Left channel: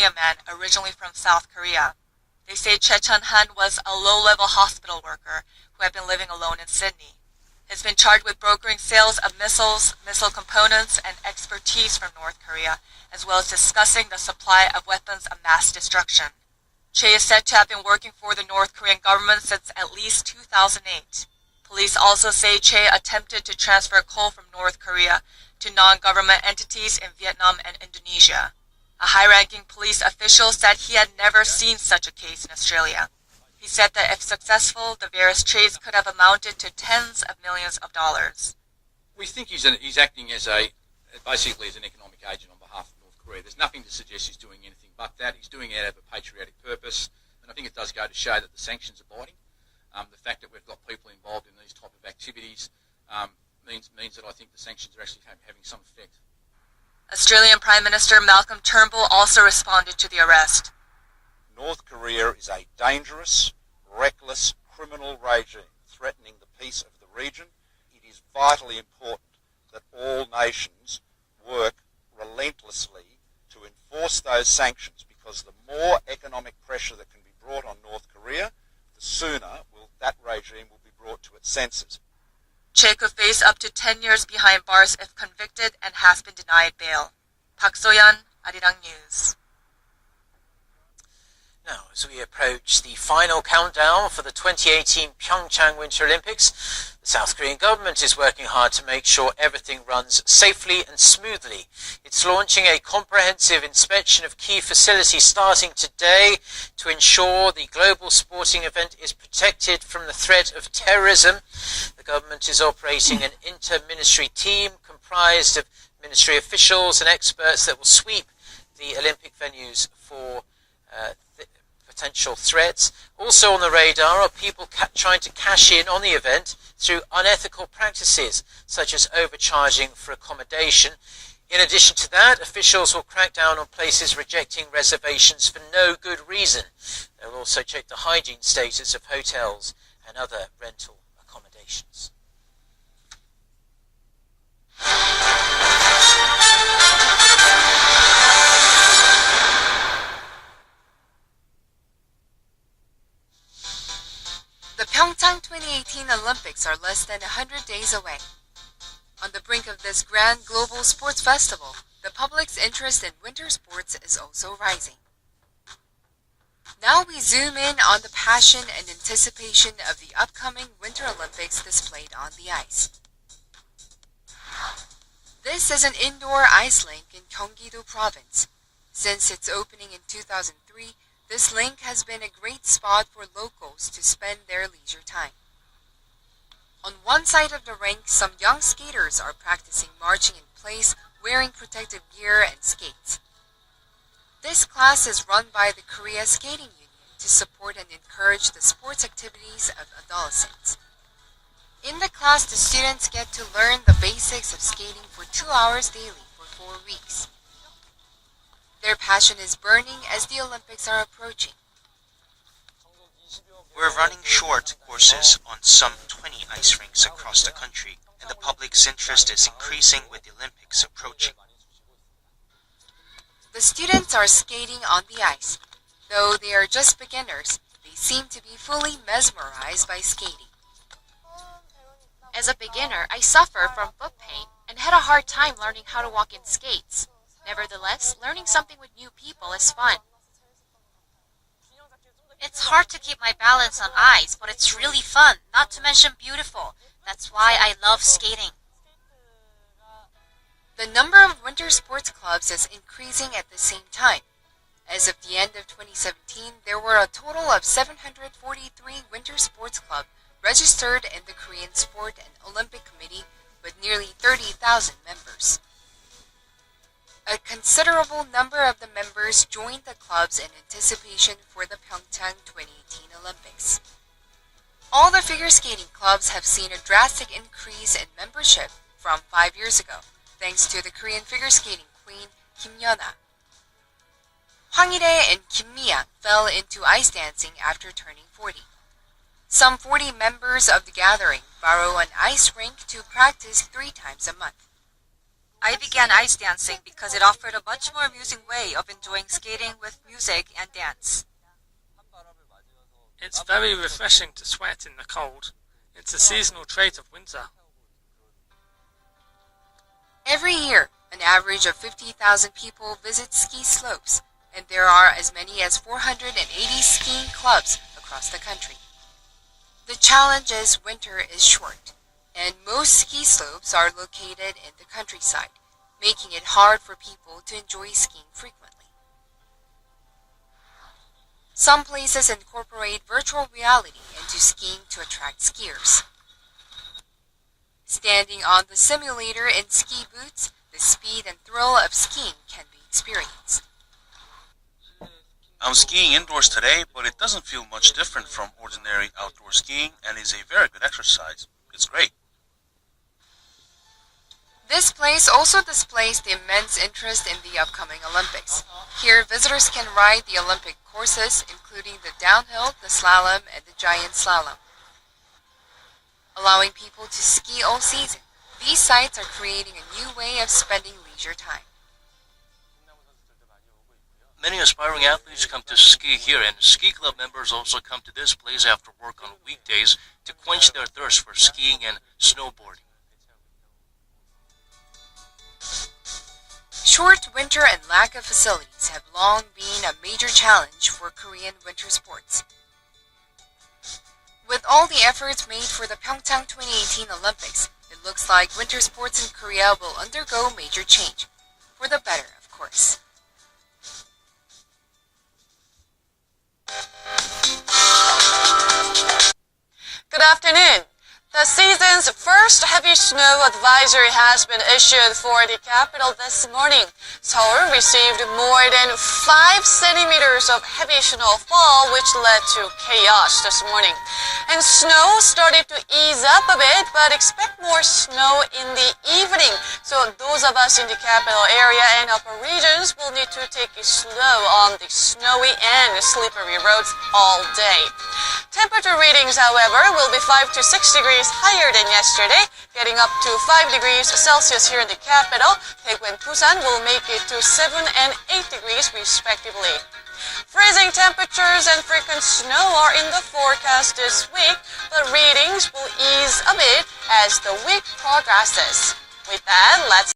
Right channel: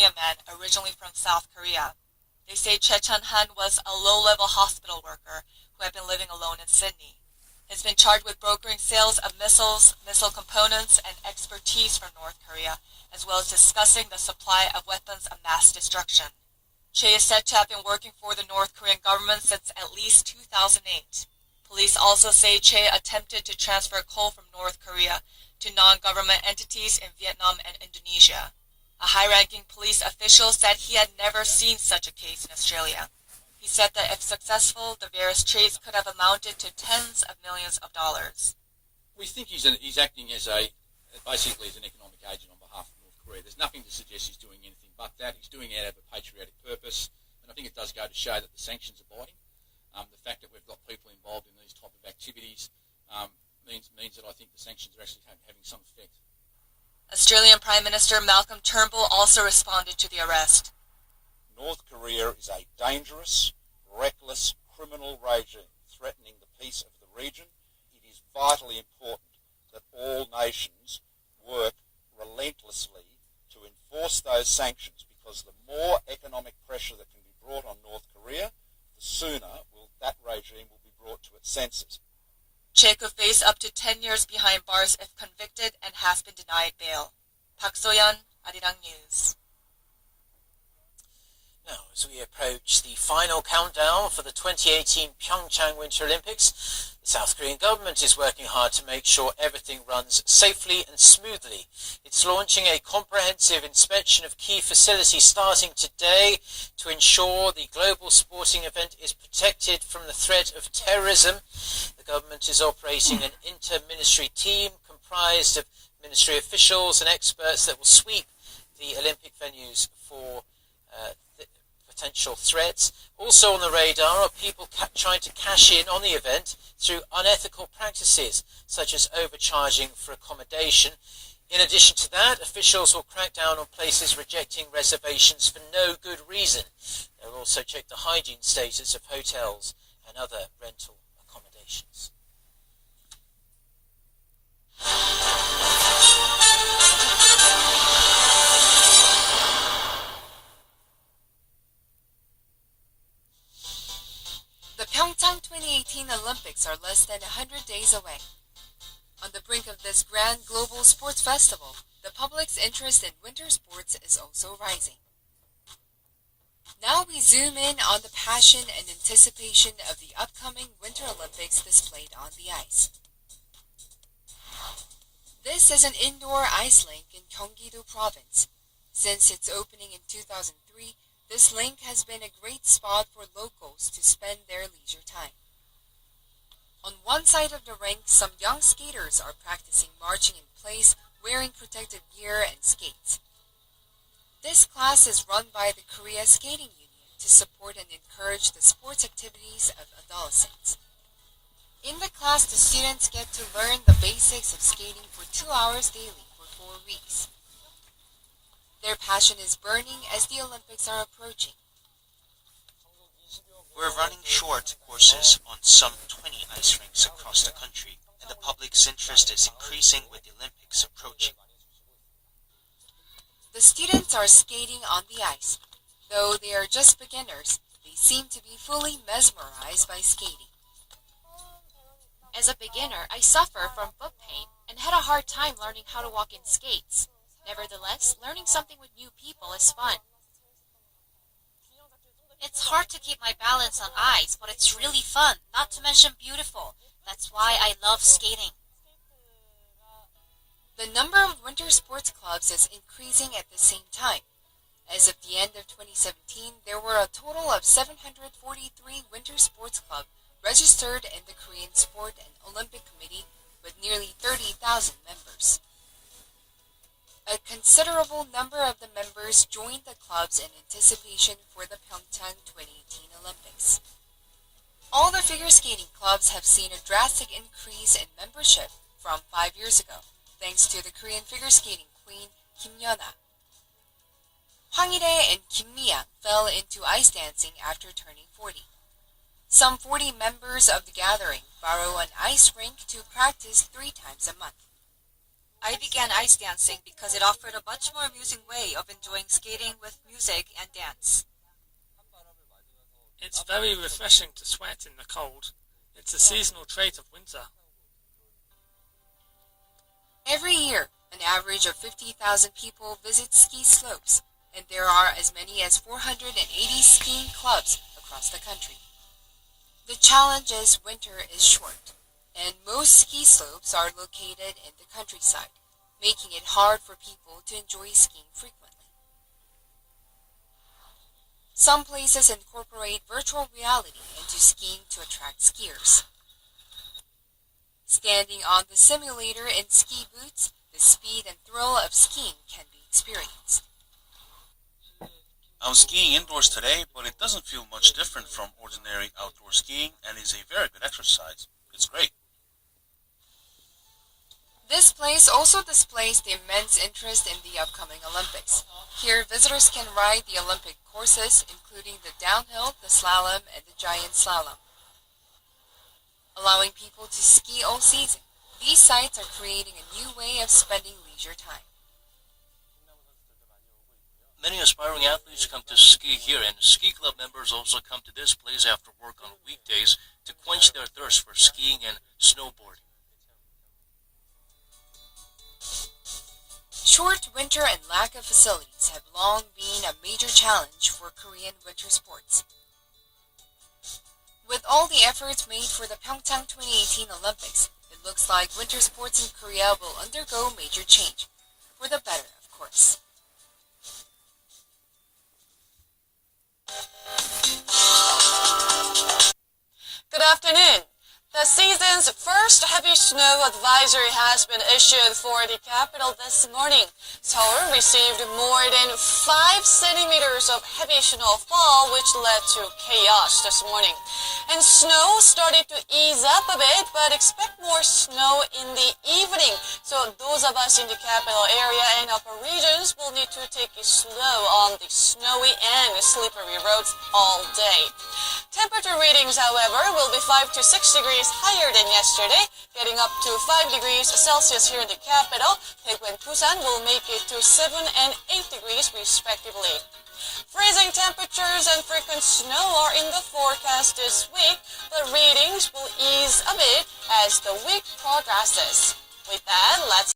man originally from South Korea. They say Choi Chun-han was a low-level hospital worker who had been living alone in Sydney. He has been charged with brokering sales of missiles, missile components, and expertise from North Korea, as well as discussing the supply of weapons of mass destruction. Choi is said to have been working for the North Korean government since at least 2008. Police also say Choi attempted to transfer coal from North Korea to non-government entities in Vietnam and Indonesia. A high-ranking police official said he had never seen such a case in Australia. He said that if successful, the various trades could have amounted to tens of millions of dollars. We think he's acting as basically as an economic agent on behalf of North Korea. There's nothing to suggest he's doing anything but that. He's doing it out of a patriotic purpose, and I think it does go to show that the sanctions are biting. The fact that we've got people involved in these type of activities means that I think the sanctions are actually having some effect. Australian Prime Minister Malcolm Turnbull also responded to the arrest. North Korea is a dangerous, reckless, criminal regime threatening the peace of the region. It is vitally important that all nations work relentlessly to enforce those sanctions, because the more economic pressure that can be brought on North Korea, the sooner that regime will be brought to its senses. Choi could face up to 10 years behind bars if convicted and has been denied bail. Park So-yeon, Arirang News. Now, as we approach the final countdown for the 2018 Pyeongchang Winter Olympics, the South Korean government is working hard to make sure everything runs safely and smoothly. It's launching a comprehensive inspection of key facilities starting today to ensure the global sporting event is protected from the threat of terrorism. The government is operating an inter-ministry team comprised of ministry officials and experts that will sweep the Olympic venues for potential threats. Also on the radar are people trying to cash in on the event through unethical practices, such as overcharging for accommodation. In addition to that, officials will crack down on places rejecting reservations for no good reason. They'll also check the hygiene status of hotels and other rental accommodations. The Pyeongchang 2018 Olympics are less than 100 days away. On the brink of this grand global sports festival, the public's interest in winter sports is also rising. Now we zoom in on the passion and anticipation of the upcoming Winter Olympics displayed on the ice. This is an indoor ice rink in Gyeonggi-do Province. Since its opening in 2003, this rink has been a great spot for locals to spend their leisure time. On one side of the rink, some young skaters are practicing marching in place, wearing protective gear and skates. This class is run by the Korea Skating Union to support and encourage the sports activities of adolescents. In the class, the students get to learn the basics of skating for 2 hours daily for 4 weeks. Their passion is burning as the Olympics are approaching. We're running short courses on some 20 ice rinks across the country, and the public's interest is increasing with the Olympics approaching. The students are skating on the ice. Though they are just beginners, they seem to be fully mesmerized by skating. As a beginner, I suffer from foot pain and had a hard time learning how to walk in skates. Nevertheless, learning something with new people is fun. It's hard to keep my balance on ice, but it's really fun, not to mention beautiful. That's why I love skating. The number of winter sports clubs is increasing at the same time. As of the end of 2017, there were a total of 743 winter sports clubs registered in the Korean Sport and Olympic Committee with nearly 30,000 members. A considerable number of the members joined the clubs in anticipation for the Pyeongchang 2018 Olympics. All the figure skating clubs have seen a drastic increase in membership from 5 years ago, thanks to the Korean figure skating queen Kim Yeona. Hwang Il-hae and Kim Mi-yang fell into ice dancing after turning 40. Some 40 members of the gathering borrow an ice rink to practice 3 times a month. I began ice dancing because it offered a much more amusing way of enjoying skating with music and dance. It's very refreshing to sweat in the cold. It's a seasonal trait of winter. Every year, an average of 50,000 people visit ski slopes, and there are as many as 480 skiing clubs across the country. The challenge is winter is short, and most ski slopes are located in the countryside, making it hard for people to enjoy skiing frequently. Some places incorporate virtual reality into skiing to attract skiers. Standing on the simulator in ski boots, the speed and thrill of skiing can be experienced. I'm skiing indoors today, but it doesn't feel much different from ordinary outdoor skiing and is a very good exercise. It's great. This place also displays the immense interest in the upcoming Olympics. Here, visitors can ride the Olympic courses, including the downhill, the slalom, and the giant slalom. Allowing people to ski all season, these sites are creating a new way of spending leisure time. Many aspiring athletes come to ski here, and ski club members also come to this place after work on weekdays to quench their thirst for skiing and snowboarding. Short winter and lack of facilities have long been a major challenge for Korean winter sports. With all the efforts made for the Pyeongchang 2018 Olympics, it looks like winter sports in Korea will undergo major change. For the better, of course. Good afternoon. The season's first heavy snow advisory has been issued for the capital this morning. Seoul received more than 5 centimeters of heavy snowfall, which led to chaos this morning. And snow started to ease up a bit, but expect more snow in the evening. So those of us in the capital area and upper regions will need to take it slow on the snowy and slippery roads all day. Temperature readings, however, will be 5 to 6 degrees higher than yesterday, getting up to 5 degrees Celsius here in the capital. Daegu and Busan will make it to 7 and 8 degrees respectively. Freezing temperatures and frequent snow are in the forecast this week, but readings will ease a bit as the week progresses. With that, let's